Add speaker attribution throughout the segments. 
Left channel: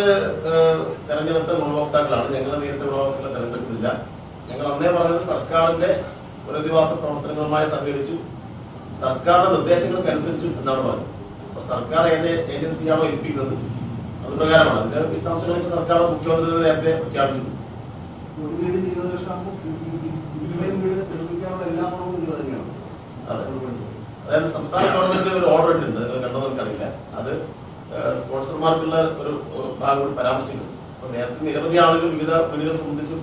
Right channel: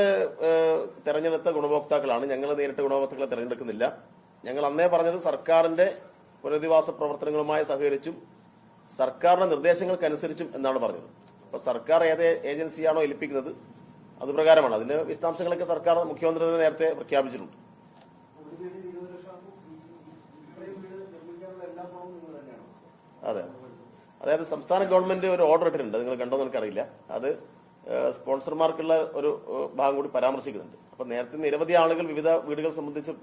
Speaker 1: ഏഹ്, തെരഞ്ഞെടുത്ത ഗുണഭോക്താക്കളാണ് ഞങ്ങൾ നേരിട്ട് ഗുണഭോക്താക്കളെ തെരഞ്ഞെടുത്തില്ല. ഞങ്ങൾ അന്നേ പറഞ്ഞത് സർക്കാരിന്റെ പുനരധിവാസ പ്രവർത്തനങ്ങളുമായി സഹകരിച്ചു. സർക്കാരിന്റെ നിർദ്ദേശങ്ങൾക്കനുസരിച്ചും എന്നാണ് പറഞ്ഞത്. അപ്പൊ സർക്കാർ ഏത് ഏജൻസിയാണോ ഏൽപ്പിക്കുന്നത്? അത് പ്രകാരമാണ്. അതിന്റെ വിശദാംശങ്ങളൊക്കെ സർക്കാർ മുഖ്യമന്ത്രി നേരത്തെ പ്രഖ്യാപിച്ചു. അതായത് സംസ്ഥാന ഗവൺമെന്റ് ഒരു ഏഹ്, പരാമർശിക്കുന്നത് അപ്പൊ നേരത്തെ നിരവധി ആളുകൾ വിവിധ വീടുകളെ സംബന്ധിച്ച്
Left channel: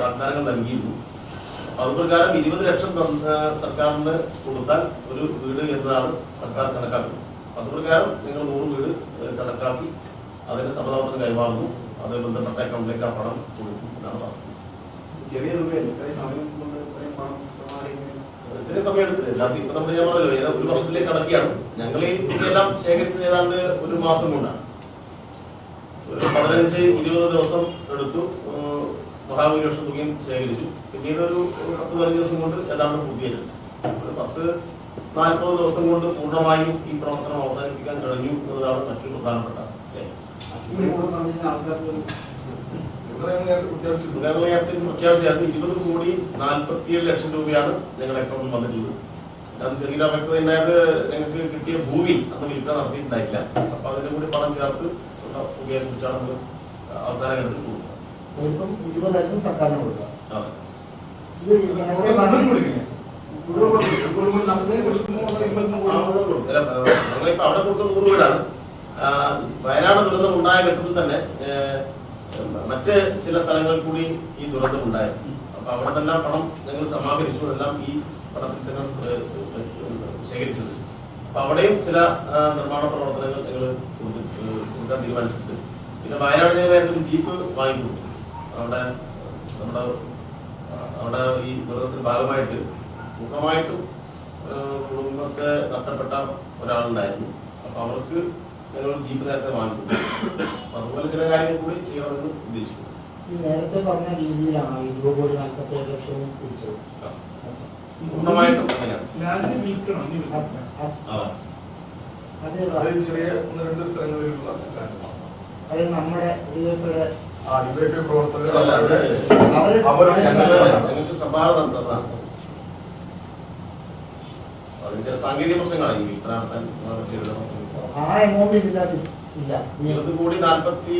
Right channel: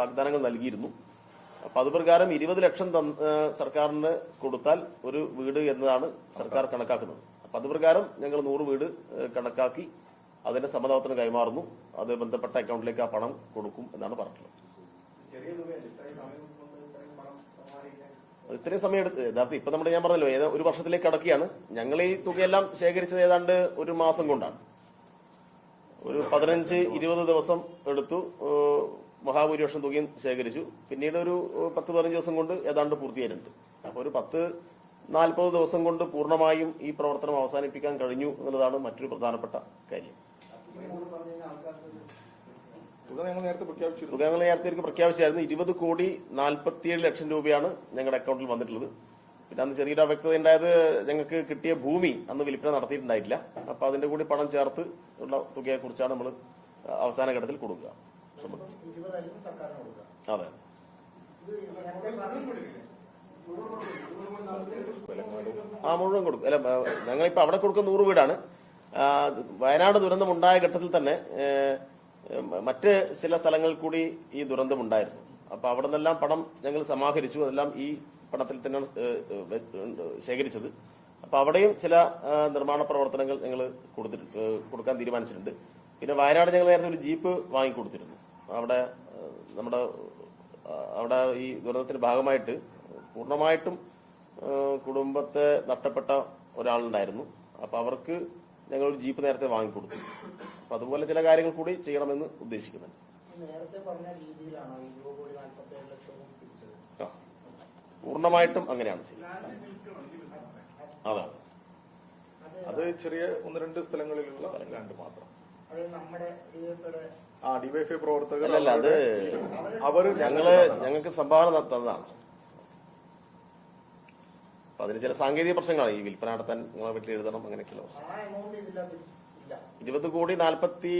Speaker 1: വാഗ്ദാനങ്ങൾ നൽകിയിരുന്നു. അപ്പൊ അത് പ്രകാരം ഇരുപത് ലക്ഷം സർക്കാരിന് കൊടുത്താൽ ഒരു വീട് എന്നതാണ് സർക്കാർ കണക്കാക്കുന്നത്. അപ്പൊ അത് പ്രകാരം നിങ്ങൾ നൂറ് വീട് കണക്കാക്കി അതിന്റെ സമതാപത്തിന് കൈമാറുന്നു. അത് ബന്ധപ്പെട്ട അക്കൗണ്ടിലേക്ക് ആ പണം കൊടുക്കും എന്നാണ് പറഞ്ഞത്
Speaker 2: ചെറിയ ഇത്രയും സമയം കൊണ്ട് ഇത്രയും പണം
Speaker 1: ഇത്രയും സമയം എടുത്ത്. യഥാർത്ഥം ഇപ്പൊ നമ്മൾ ഞാൻ പറഞ്ഞല്ലോ ഒരു വർഷത്തിലേക്ക് കണക്കെയാണ് ഞങ്ങൾ ഈ തുകയെല്ലാം ശേഖരിച്ചത് ഏതാണ്ട് ഒരു മാസം കൊണ്ടാണ്. ഒരു പതിനഞ്ച് ഇരുപത് ദിവസം എടുത്തു ഏഹ് ബുക്കിംഗ് ശേഖരിച്ചു. പിന്നീട് ഒരു പത്ത് പതിനഞ്ച് ദിവസം കൊണ്ട് ഏതാണ്ട് പൂർത്തിയായിരുന്നു ഒരു പത്ത് നാൽപ്പത് ദിവസം കൊണ്ട് പൂർണമായും ഈ പ്രവർത്തനം അവസാനിപ്പിക്കാൻ കഴിഞ്ഞു എന്നതാണ് മറ്റൊരു പ്രധാനപ്പെട്ട പ്രഖ്യാപിച്ചായിരുന്നു ഇരുപത് കോടി നാൽപ്പത്തിയേഴ് ലക്ഷം രൂപയാണ് ഞങ്ങളുടെ അക്കൗണ്ടിൽ വന്നിട്ടുള്ളത്. അത് ചെറിയ അവ്യക്തത ഉണ്ടായത് ഞങ്ങൾക്ക് കിട്ടിയ ഭൂമി അന്ന് വിൽപ്പന നടത്തിയിട്ടുണ്ടായില്ല. അപ്പൊ അതിന്റെ കൂടി പണം ചേർത്ത് ഉള്ള തുകയെ കുറിച്ചാണ് നമ്മൾ അവസാന ഘട്ടത്തിൽ കൊടുക്കുക.
Speaker 3: ഇരുപതായിരം സർക്കാരിന് കൊടുക്കുക.
Speaker 1: ഞങ്ങളിപ്പോ അവിടെ കൊടുക്കുന്ന നൂറ് വീടാണ് വയനാട് ദുരന്തം ഉണ്ടായ ഘട്ടത്തിൽ തന്നെ മറ്റ് ചില സ്ഥലങ്ങളിൽ കൂടി ഈ ദുരന്തം ഉണ്ടായിരുന്നു അപ്പൊ അവിടെ നിന്നെല്ലാം പണം ഞങ്ങൾ സമാഹരിച്ചു. അതെല്ലാം ഈ ഏഹ്, ശേഖരിച്ചത് അപ്പൊ അവിടെയും ചില നിർമ്മാണ പ്രവർത്തനങ്ങൾ ഞങ്ങൾ കൊടുക്കാൻ തീരുമാനിച്ചിട്ടുണ്ട് പിന്നെ വയനാട് ഞങ്ങൾ ജീപ്പ് വാങ്ങിക്കൊടുത്തു. അവിടെ നമ്മുടെ അവിടെ ഈ ദുരന്തത്തിന്റെ ഭാഗമായിട്ട് പൂർണമായിട്ടും കുടുംബത്തെ നഷ്ടപ്പെട്ട ഒരാളുണ്ടായിരുന്നു. അപ്പൊ അവർക്ക് ഞങ്ങൾ ജീപ്പ് നേരത്തെ വാങ്ങിക്കൊടുത്തു. അപ്പൊ അതുപോലെ ചില കാര്യങ്ങൾ കൂടി ചെയ്യണമെന്ന് ഉദ്ദേശിക്കുന്നു.
Speaker 3: നേരത്തെ പറഞ്ഞ രീതിയിലാണ് ഇരുപത് കോടി നാൽപ്പത്തി ഏഴ് ലക്ഷവും പിടിച്ചത്.
Speaker 4: പൂർണമായിട്ടും
Speaker 3: അത്
Speaker 1: ആ.
Speaker 3: അത്
Speaker 4: അത് ചെറിയ ഒന്ന് രണ്ട് സ്ഥലങ്ങളിലുള്ള.
Speaker 3: അത് നമ്മുടെ ഡിവൈഫൈയുടെ
Speaker 1: സാങ്കേതിക പ്രശ്നങ്ങളാണ് ഈ പറ്റിയതെന്ന്
Speaker 3: ആ എമൗണ്ട് ഇതിനകത്ത് ഇല്ല.
Speaker 1: ഇരുപത് കോടി നാൽപ്പത്തി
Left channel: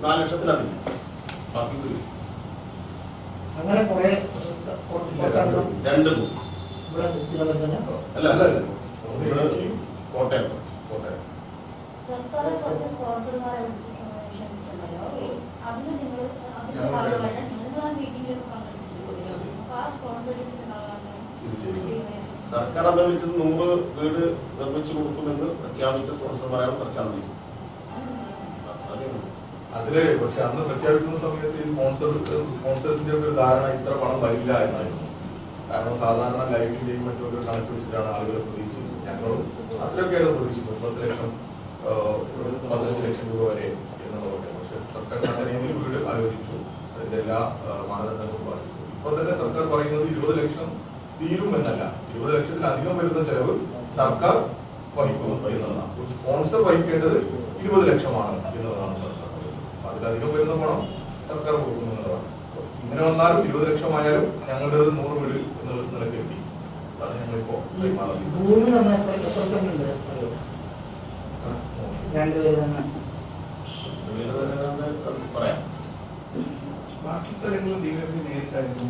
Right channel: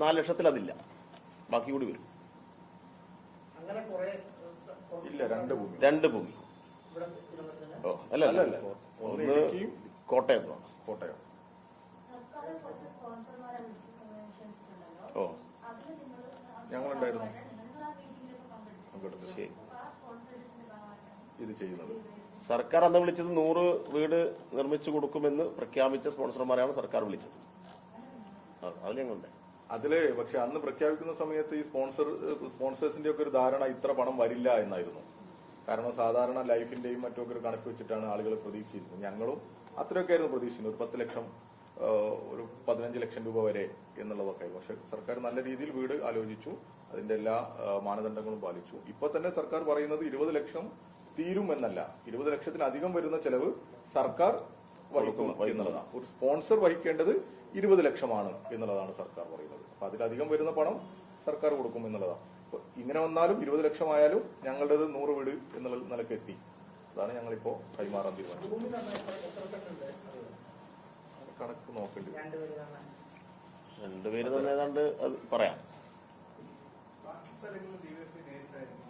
Speaker 1: നാല് ലക്ഷത്തിലധികം. ബാക്കി കൂടി
Speaker 3: അങ്ങനെ കുറെ
Speaker 1: രണ്ട്
Speaker 3: തന്നെ
Speaker 1: അല്ല അല്ല കോട്ടയം.
Speaker 4: കോട്ടയം.
Speaker 5: സർക്കാർ കുറച്ച് സ്പോൺസർമാരെ അതിന് നിങ്ങൾ.
Speaker 1: സർക്കാർ അത് വിളിച്ചത് നൂറ് വീട് നിർമ്മിച്ചു കൊടുക്കുമെന്ന് പ്രഖ്യാപിച്ച സ്പോൺസർമാരാണ് സർക്കാർ വിളിച്ചത്.
Speaker 4: അതിൽ പക്ഷെ അന്ന് പ്രഖ്യാപിക്കുന്ന സമയത്ത് ഈ സ്പോൺസർ സ്പോൺസേഴ്സിന്റെ ഒരു ധാരണ ഇത്ര പണം വരില്ല എന്നായിരുന്നു. കാരണം സാധാരണ ലൈഫിന്റെയും മറ്റൊരു കണക്ക് വെച്ചിട്ടാണ് ആളുകൾ പ്രതീക്ഷിച്ചത് ഞങ്ങളും അത്രയൊക്കെയാണ് പ്രതീക്ഷിച്ചത് പത്ത് ലക്ഷം പതിനഞ്ച് ലക്ഷം രൂപ വരെ എന്നുള്ളതൊക്കെ പക്ഷെ സർക്കാർ നല്ല രീതിയിൽ വീട് ആലോചിച്ചു. അതിന്റെ എല്ലാ മാനദണ്ഡങ്ങളും പാലിച്ചു. ഇപ്പോൾ തന്നെ സർക്കാർ പറയുന്നത് ഇരുപത് ലക്ഷം തീരുമെന്നല്ല ഇരുപത് ലക്ഷത്തിലധികം വരുന്ന ചെലവ് സർക്കാർ വഹിക്കുന്നു എന്നതാണ് സ്പോൺസർ വഹിക്കേണ്ടത് ഇരുപത് ലക്ഷമാണ് എന്നുള്ളതാണ് സർക്കാർ അതിലധികം വരുന്ന പണം സർക്കാർ കൊടുക്കുന്നതാണ് ഇങ്ങനെ വന്നാലും ഇരുപത് ലക്ഷമായാലും ഞങ്ങളുടെ നൂറ് വീട്
Speaker 3: ഭൂമി തന്നെ ഉണ്ട്? രണ്ടുപേര് തന്നെ
Speaker 4: ബാക്കി നേരിട്ടായിരുന്നു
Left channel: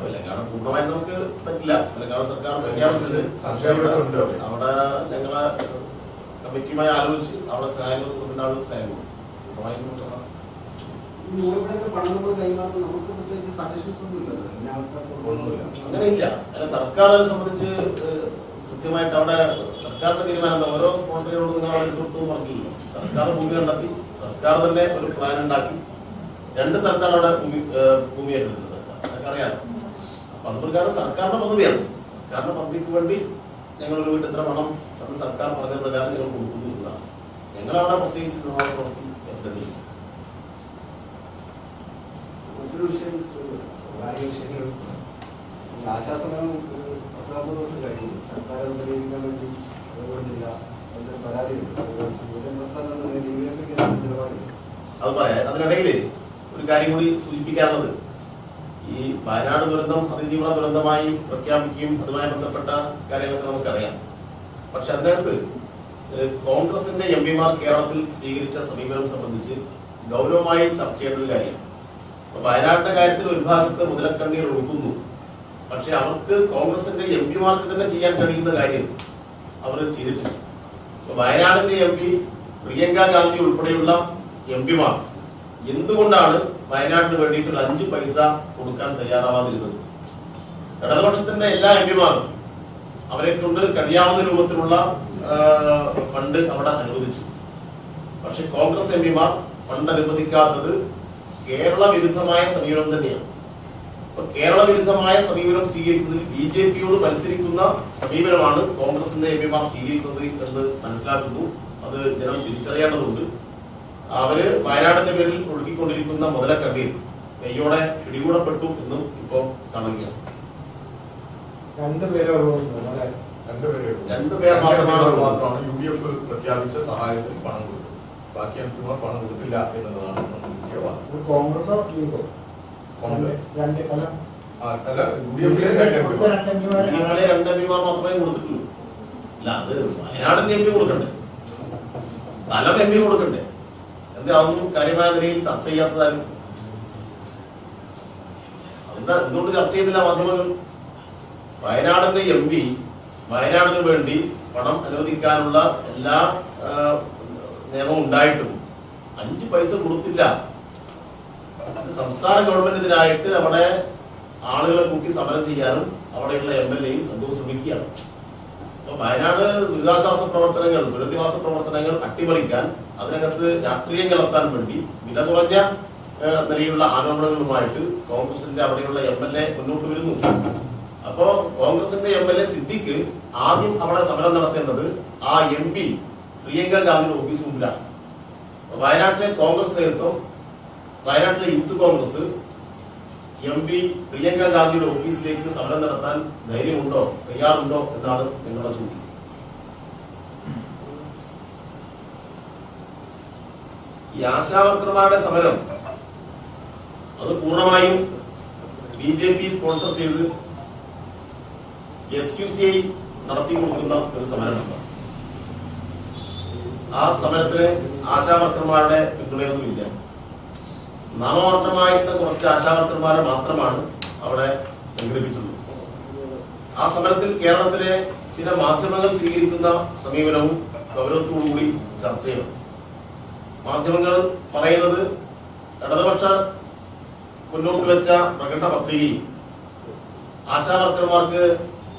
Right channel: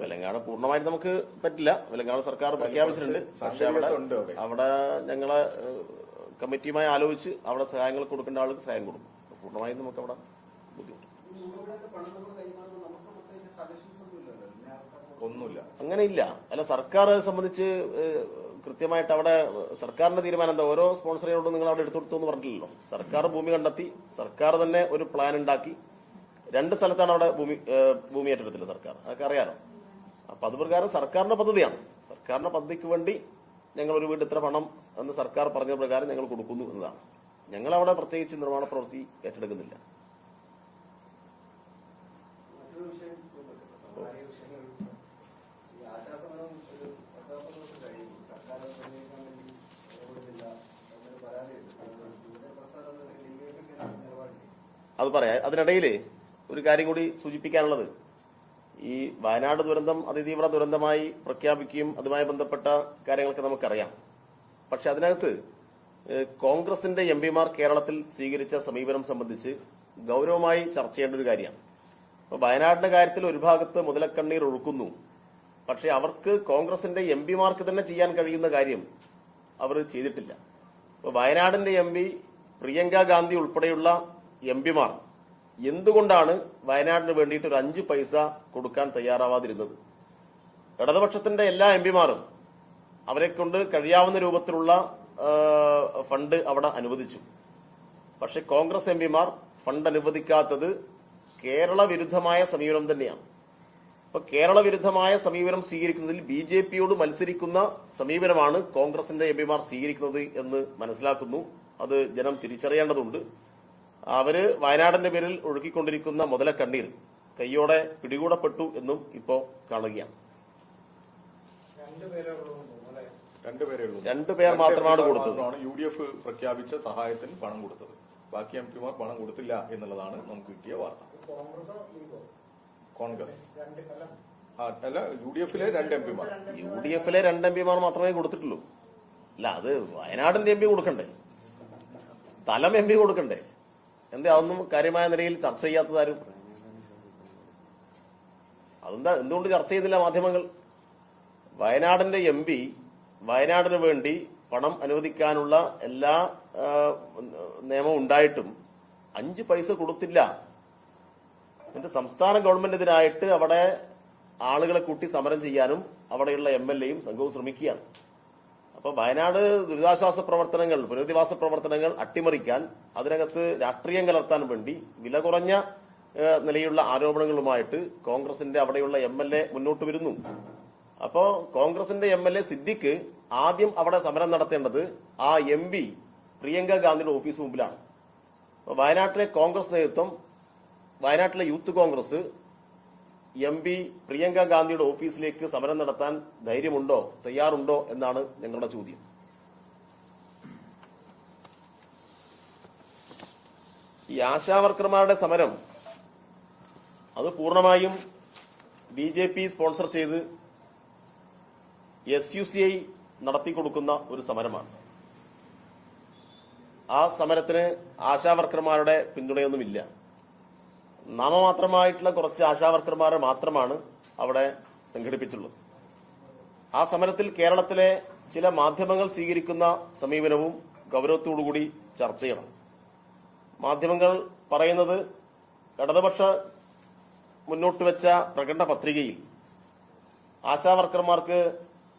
Speaker 4: തെലങ്കാന.
Speaker 1: പൂർണമായി നമുക്ക് പറ്റില്ല. തെലങ്കാന സർക്കാർ പ്രഖ്യാപിച്ചിട്ടുണ്ട്. അവിടെ ഞങ്ങളെ കമ്മിറ്റിയുമായി ആലോചിച്ച് അവിടെ സഹായങ്ങൾ കൊടുക്കുന്ന ആളുകൾ സഹായം കൊടുക്കും പൂർണമായും സർക്കാരിനെ സംബന്ധിച്ച് കൃത്യമായിട്ട് അവിടെ സർക്കാരിന്റെ തീരുമാനം ഓരോ നിങ്ങൾ അവിടെ എടുത്തു പറഞ്ഞില്ലല്ലോ സർക്കാർ ഭൂമി കണ്ടെത്തി. സർക്കാർ തന്നെ ഒരു പ്ലാൻ ഉണ്ടാക്കി. രണ്ട് സ്ഥലത്താണ് അവിടെ ഭൂമി ഭൂമി ഏറ്റെടുത്തത് സർക്കാർ. അതൊക്കെ അറിയാം. അപ്പൊ അതുപ്രകാരം സർക്കാരിന്റെ പദ്ധതിയാണ്. സർക്കാരിന്റെ പദ്ധതിക്ക് വേണ്ടി ഞങ്ങൾ വീട് എത്ര പണം അത് സർക്കാർ പറഞ്ഞ പ്രകാരം ഞങ്ങൾ കൊടുക്കുന്നു ഞങ്ങളവിടെ പ്രത്യേകിച്ച് നിർമ്മാണ പ്രവൃത്തി ഏറ്റെടുത്തില്ല
Speaker 2: മറ്റൊരു വിഷയം പത്താമത് ദിവസം കഴിഞ്ഞു സർക്കാർ അത് വേണ്ടി ഇടപെടുന്നില്ല എന്നൊരു പരാതിയുണ്ട് അത് പറയാം
Speaker 1: അതിനിടയിൽ ഒരു കാര്യം കൂടി സൂചിപ്പിക്കാനുള്ളത്. ഈ വയനാട് ദുരന്തം അതിതീവ്ര ദുരന്തമായി പ്രഖ്യാപിക്കുകയും അതുമായി ബന്ധപ്പെട്ട കാര്യങ്ങളൊക്കെ നമുക്കറിയാം. പക്ഷെ അതിനകത്ത് കോൺഗ്രസിന്റെ എം പിമാർ കേരളത്തിൽ സ്വീകരിച്ച സമീപനം സംബന്ധിച്ച് ഗൗരവമായി ചർച്ച ചെയ്യേണ്ട ഒരു കാര്യം അപ്പൊ വയനാട്ടിന്റെ കാര്യത്തിൽ ഒരു ഭാഗത്ത് മുതലക്കണ്ണീർ ഒഴുകുന്നു. പക്ഷെ അവർക്ക് കോൺഗ്രസിന്റെ എം പിമാർക്ക് തന്നെ ചെയ്യാൻ കഴിയുന്ന കാര്യം അവർ ചെയ്തിട്ടില്ല. വയനാടിന്റെ എം പി പ്രിയങ്ക ഗാന്ധി ഉൾപ്പെടെയുള്ള എം പിമാർ എന്തുകൊണ്ടാണ് വയനാടിന് വേണ്ടിയിട്ട് അഞ്ചു പൈസ കൊടുക്കാൻ തയ്യാറാവാതിരുന്നത്? ഇടതുപക്ഷത്തിന്റെ എല്ലാ എം പിമാരും അവരെ കൊണ്ട് കഴിയാവുന്ന രൂപത്തിലുള്ള ഫണ്ട് അവിടെ അനുവദിച്ചു. പക്ഷെ കോൺഗ്രസ് എം പിമാർ ഫണ്ട് അനുവദിക്കാത്തത് കേരള വിരുദ്ധമായ സമീപനം തന്നെയാണ്. അപ്പൊ കേരള വിരുദ്ധമായ സമീപനം സ്വീകരിക്കുന്നതിൽ ബി ജെ പിയോട് മത്സരിക്കുന്ന സമീപനമാണ് കോൺഗ്രസിന്റെ എം പിമാർ സ്വീകരിക്കുന്നത് എന്ന് മനസ്സിലാക്കുന്നു. അത് ജനം തിരിച്ചറിയേണ്ടതുണ്ട്. അവർ വയനാടിന്റെ പേരിൽ ഒഴുകിക്കൊണ്ടിരിക്കുന്ന മുതലക്കണ്ണീർ കൈയോടെ പിടികൂടപ്പെട്ടു എന്നും ഇപ്പോ കാണുകയാണ്.
Speaker 3: രണ്ടുപേരെ
Speaker 4: രണ്ടുപേരെ
Speaker 1: മാത്രമാണ്
Speaker 4: യു ഡി എഫ് പ്രഖ്യാപിച്ച സഹായത്തിന് പണം കൊടുത്തത്. ബാക്കി എം പിമാർ പണം കൊടുക്കില്ല എന്നുള്ളതാണ് നമ്മുടെ മുഖ്യ വാദം.
Speaker 3: കോൺഗ്രസോ
Speaker 4: കോൺഗ്രസ്.
Speaker 3: രണ്ട് അല്ല
Speaker 4: ആ, അല്ല യു ഡി എഫിലെ രണ്ട് എം പിമാർ.
Speaker 1: മാത്രമേ കൊടുത്തിട്ടുള്ളൂ. അല്ല അത് വയനാടിന്റെ എം പി കൊടുക്കണ്ടേ? സ്ഥലം എം പി കൊടുക്കണ്ടേ? എന്താ അതൊന്നും കാര്യമായ നിലയിൽ ചർച്ച ചെയ്യാത്തതാരും. അതെന്താ എന്തുകൊണ്ട് ചർച്ച ചെയ്തില്ല മാധ്യമങ്ങൾ. വയനാടിന്റെ എം പി വയനാടിന് വേണ്ടി പണം അനുവദിക്കാനുള്ള എല്ലാ ആ, നിയമവും ഉണ്ടായിട്ടും അഞ്ച് പൈസ കൊടുത്തില്ല. സംസ്ഥാന ഗവൺമെന്റിനായിട്ട് അവിടെ ആളുകളെ കൂട്ടി സമരം ചെയ്യാനും അവിടെയുള്ള എം എൽ എയും സംഘവും ശ്രമിക്കുകയാണ്. അപ്പൊ വയനാട് ദുരിതാശ്വാസ പ്രവർത്തനങ്ങൾ പുനരധിവാസ പ്രവർത്തനങ്ങൾ അട്ടിമറിക്കാൻ അതിനകത്ത് രാഷ്ട്രീയം കലർത്താൻ വേണ്ടി വില കുറഞ്ഞ നിലയിലുള്ള ആരോപണങ്ങളുമായിട്ട് കോൺഗ്രസിന്റെ അവിടെയുള്ള എം എൽ എ മുന്നോട്ട് വരുന്നു. അപ്പോ കോൺഗ്രസിന്റെ എം എൽ എ സിദ്ദിഖ് ആദ്യം അവിടെ സമരം നടത്തേണ്ടത് ആ എം പി പ്രിയങ്ക ഗാന്ധിയുടെ ഓഫീസ് മുമ്പിലാണ് വയനാട്ടിലെ കോൺഗ്രസ് നേതൃത്വം വയനാട്ടിലെ youth Congress M P Priyanka ഗാന്ധിയുടെ ഓഫീസിലേക്ക് സമരം നടത്താൻ ധൈര്യമുണ്ടോ തയ്യാറുണ്ടോ എന്നാണ് ഞങ്ങളുടെ ചോദ്യം. ഈ ആശാവർക്കർമാരുടെ സമരം അത് പൂർണമായും ബി ജെ പി സ്പോൺസർ ചെയ്ത് എസ് യു സി ഐ നടത്തി കൊടുക്കുന്ന ഒരു സമരമുണ്ട് ആ സമരത്തിന് ആശാവർക്കന്മാരുടെ പിന്തുണയൊന്നുമില്ല. നാമമാത്രമായിട്ടുള്ള കുറച്ച് ആശാവർക്കർമാരെ മാത്രമാണ് അവിടെ സംഘടിപ്പിച്ചത്. ആ സമരത്തിൽ കേരളത്തിലെ ചില മാധ്യമങ്ങൾ സ്വീകരിക്കുന്ന സമീപനവും ഗൗരവത്തോടുകൂടി ചർച്ച ചെയ്യണം മാധ്യമങ്ങൾ പറയുന്നത് ഇടതുപക്ഷ മുന്നോട്ട് വെച്ച പ്രകടന പത്രികയിൽ ആശാവർക്കന്മാർക്ക്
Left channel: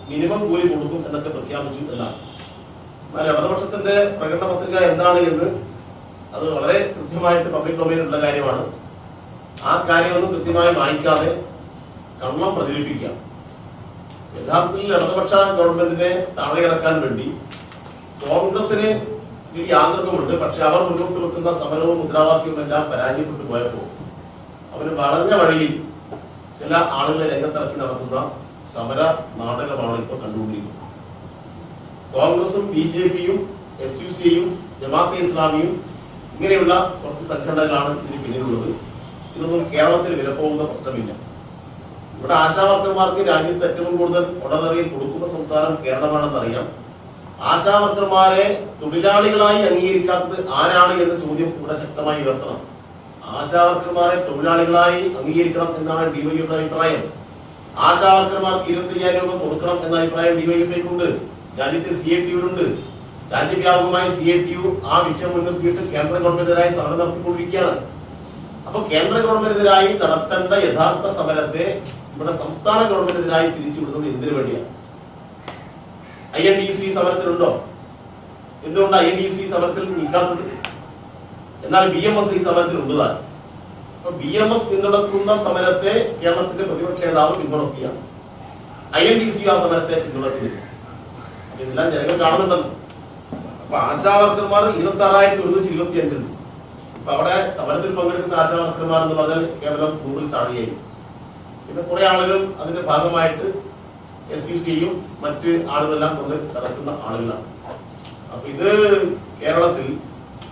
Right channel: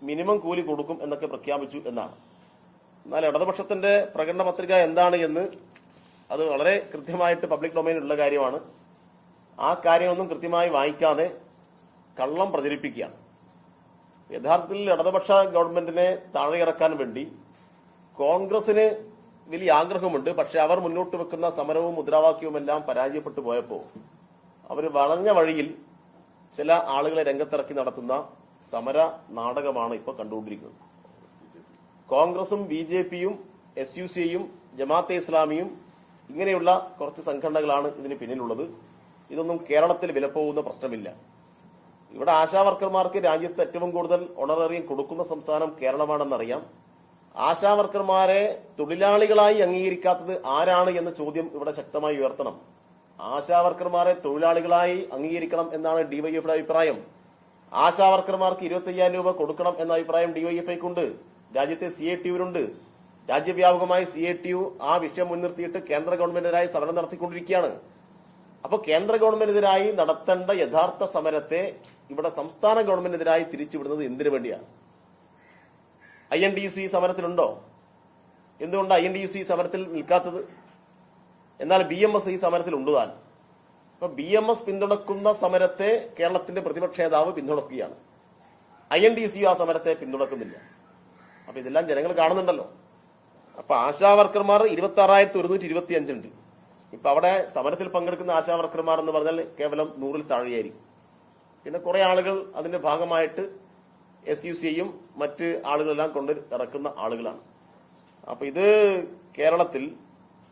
Speaker 1: മിനിമം കൂലി കൊടുക്കും എന്നൊക്കെ പ്രഖ്യാപിച്ചു എന്നാണ്. എന്നാൽ ഇടതുപക്ഷത്തിന്റെ പ്രകടന പത്രിക എന്താണ് എന്ന് അത് വളരെ കൃത്യമായിട്ട് പബ്ലിക് ഡൊമൈനിലുള്ള കാര്യമാണ്. ആ കാര്യങ്ങളൊന്നും കൃത്യമായി വായിക്കാതെ കള്ളം പ്രചരിപ്പിക്കുക യഥാർത്ഥത്തിൽ ഇടതുപക്ഷ ഗവൺമെന്റിനെ താഴെയിറക്കാൻ വേണ്ടി കോൺഗ്രസിന് വലിയ ആഗ്രഹമുണ്ട് പക്ഷെ അവർ മുന്നോട്ട് വെക്കുന്ന സമരവും മുദ്രാവാക്യവും എല്ലാം പരാജയപ്പെട്ടു പോയപ്പോൾ അവർ വളഞ്ഞ വഴിയിൽ ചില ആളുകളെ രംഗത്തിറക്കി നടത്തുന്ന സമര നാടകമാണ് ഇപ്പോൾ കണ്ടുകൊണ്ടിരിക്കുന്നത്. കോൺഗ്രസും ബി ജെ പിയും എസ് യു സിയും ജമാഅത്തെ ഇസ്ലാമിയും ഇങ്ങനെയുള്ള കുറച്ച് സംഘടനകളാണ് ഇതിന് പിന്നിലുള്ളത്. ഇതൊന്നും കേരളത്തിൽ വിലപ്പോകുന്ന പ്രശ്നമില്ല. ഇവിടെ ആശാവർക്കർമാർക്ക് രാജ്യത്ത് ഏറ്റവും കൂടുതൽ ഓണററി കൊടുക്കുന്ന സംസ്ഥാനം കേരളമാണെന്ന് അറിയാം ആശാവർക്കർമാരെ തൊഴിലാളികളായി അംഗീകരിക്കാത്തത് ആരാണ് എന്ന ചോദ്യം ഇവിടെ ശക്തമായി ഉയർത്തണം. ആശാവർക്കർമാരെ തൊഴിലാളികളായി അംഗീകരിക്കണം എന്നാണ് ഡിവൈഎഫിയുടെ അഭിപ്രായം. ആശാവർക്കർമാർക്ക് ഇരുപത്തി അയ്യായിരം രൂപ കൊടുക്കണം എന്ന അഭിപ്രായം ഡിവൈഎഫ്ഐക്കുണ്ട് രാജ്യത്തെ സി ഐ ഉണ്ട് രാജ്യവ്യാപകമായി സി ഐ ടി യു ആ വിഷയം മുൻനിർത്തിയിട്ട് കേന്ദ്ര ഗവൺമെന്റിനായി സമരം നടത്തിക്കൊണ്ടിരിക്കുകയാണ്. അപ്പൊ കേന്ദ്ര ഗവൺമെന്റിനെതിരായി നടത്തേണ്ട യഥാർത്ഥ സമരത്തെ ഇവിടെ സംസ്ഥാന ഗവൺമെന്റിനെതിരായി തിരിച്ചുവിടുന്നത് എന്തിനു വേണ്ടിയാണ്? ഐ എൻ ഡി സി സമരത്തിലുണ്ടോ? എന്തുകൊണ്ട് ഐ എൻ ഡി സി സമരത്തിൽ നിൽക്കാത്തത്? എന്നാൽ ബി എം എസ് ഈ സമരത്തിൽ ഉള്ളതാണ്. അപ്പൊ ബി എം എസ് പിന്തുണക്കുന്ന സമരത്തെ കേരളത്തിന്റെ പ്രതിപക്ഷ നേതാവ് പിന്തുണക്കുകയാണ്. ഐ എൻ ഡി സി ആ സമരത്തെ പിന്തുണക്കുന്നില്ല ഇതെല്ലാം ജനങ്ങൾ കാണുന്നുണ്ടല്ലോ അപ്പൊ ആശാവർക്കർമാർ ഇരുപത്തി ആറായിരത്തി ഒരുന്നൂറ്റി ഇരുപത്തി അഞ്ചുണ്ട് അപ്പൊ അവിടെ സമരത്തിൽ പങ്കെടുക്കുന്ന ആശാവർക്കർമാർ എന്ന് പറഞ്ഞാൽ കേവലം നൂറിൽ താഴെയായി. പിന്നെ കുറെ ആളുകൾ അതിന്റെ ഭാഗമായിട്ട് എസ് യു സിയും മറ്റ് ആളുകളെല്ലാം കൊണ്ട് ഇറക്കുന്ന ആളുകളാണ്. അപ്പൊ ഇത് കേരളത്തിൽ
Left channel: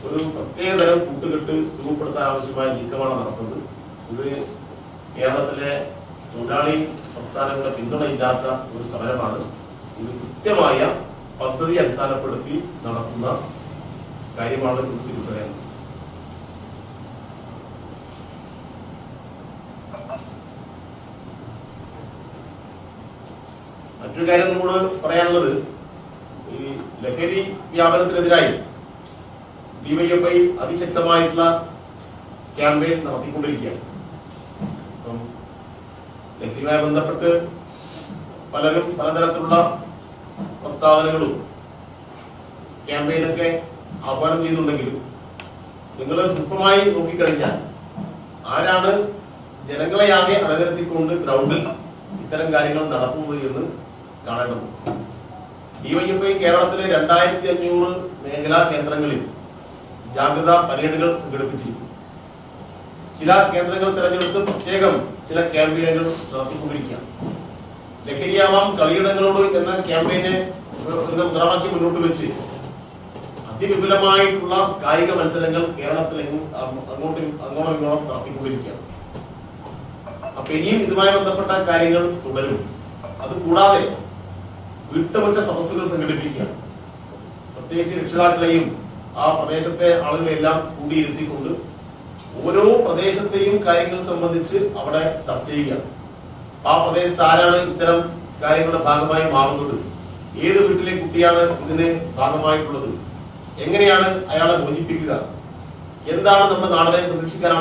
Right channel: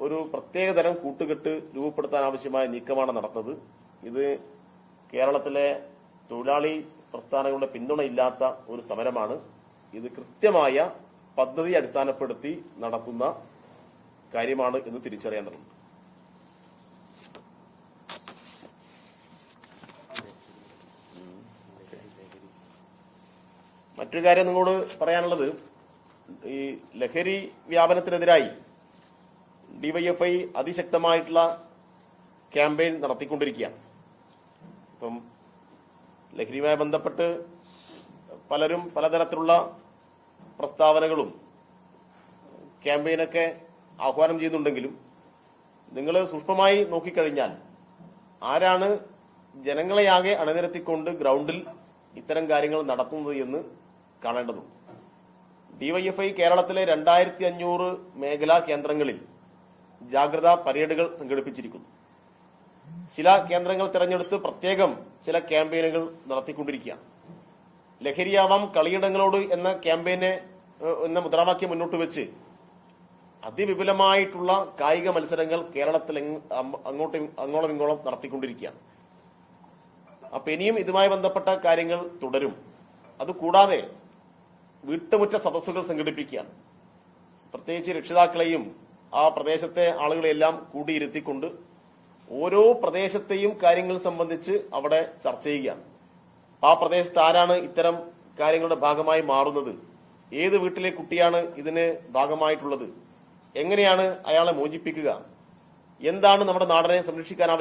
Speaker 1: ഒരു പ്രത്യേകതരം കൂട്ടുകെട്ട് രൂപപ്പെടുത്താൻ ആവശ്യമായ നീക്കമാണ് നടത്തുന്നത്. ഇത് കേരളത്തിലെ തൊഴിലാളി പ്രസ്ഥാനങ്ങളുടെ പിന്തുണയില്ലാത്ത ഒരു സമരമാണ്. ഇത് കൃത്യമായ പദ്ധതി അടിസ്ഥാനപ്പെടുത്തി നടത്തുന്ന കാര്യമാണ് തിരിച്ചറിയാൻ മറ്റൊരു കാര്യം നമ്മളോട് പറയാനുള്ളത് ഈ ലഹരി വ്യാപനത്തിനെതിരായി ഡിവൈഎഫ്ഐ അതിശക്തമായിട്ടുള്ള ക്യാമ്പയിൻ നടത്തിക്കൊണ്ടിരിക്കുകയാണ്. ലഹരിയുമായി ബന്ധപ്പെട്ട് പലരും പലതരത്തിലുള്ള പ്രസ്താവനകളും ക്യാമ്പയിനൊക്കെ ആഹ്വാനം ചെയ്തിട്ടുണ്ടെങ്കിലും നിങ്ങൾ സൂക്ഷ്മമായി നോക്കിക്കഴിഞ്ഞാൽ ആരാണ് ജനങ്ങളെ ആകെ അണിനിരത്തിക്കൊണ്ട് ഗ്രൗണ്ടിൽ ഇത്തരം കാര്യങ്ങൾ നടത്തുന്നത് എന്ന് കാണേണ്ടത് ഡിവൈഎഫ്ഐ കേരളത്തിലെ രണ്ടായിരത്തി അഞ്ഞൂറ് മേഖലാ കേന്ദ്രങ്ങളിൽ ജാഗ്രതാ പരേഡുകൾ സംഘടിപ്പിച്ചിരുന്നു ചില കേന്ദ്രങ്ങൾ തെരഞ്ഞെടുത്ത് പ്രത്യേകം ചില ക്യാമ്പയിനുകൾ നടത്തിക്കൊണ്ടിരിക്കുകയാണ്. ലഹരിയാവാം കളിയിടങ്ങളോട് എന്ന ക്യാമ്പയിനെ മുദ്രാവാക്യം മുന്നോട്ട് വെച്ച് അതിവിപുലമായിട്ടുള്ള കായിക മത്സരങ്ങൾ കേരളത്തിലെങ്ങും അങ്ങോട്ടും അങ്ങോട്ടും ഇങ്ങോട്ടും നടത്തിക്കൊണ്ടിരിക്കുകയാണ്. അപ്പൊ ഇനിയും ഇതുമായി ബന്ധപ്പെട്ട കാര്യങ്ങൾ തുടരും. അത് കൂടാതെ വീട്ടുമുറ്റ സദസ്സുകൾ സംഘടിപ്പിക്കുകയാണ്. പ്രത്യേകിച്ച് രക്ഷിതാക്കളെയും ആ പ്രദേശത്തെ ആളുകളെല്ലാം കൂടിയിരുത്തിക്കൊണ്ട് ഓരോ പ്രദേശത്തെയും കാര്യങ്ങൾ സംബന്ധിച്ച് അവിടെ ചർച്ച ചെയ്യുകയാണ്. ആ പ്രദേശത്ത് ആരാണ് ഇത്തരം കാര്യങ്ങളുടെ ഭാഗമായി മാറുന്നത്? ഏത് വീട്ടിലെ കുട്ടിയാണ് ഇതിന് ഭാഗമായിട്ടുള്ളത്? എങ്ങനെയാണ് അയാളെ മോചിപ്പിക്കുക? എന്താണ് നമ്മുടെ നാടിനെ സംരക്ഷിക്കാൻ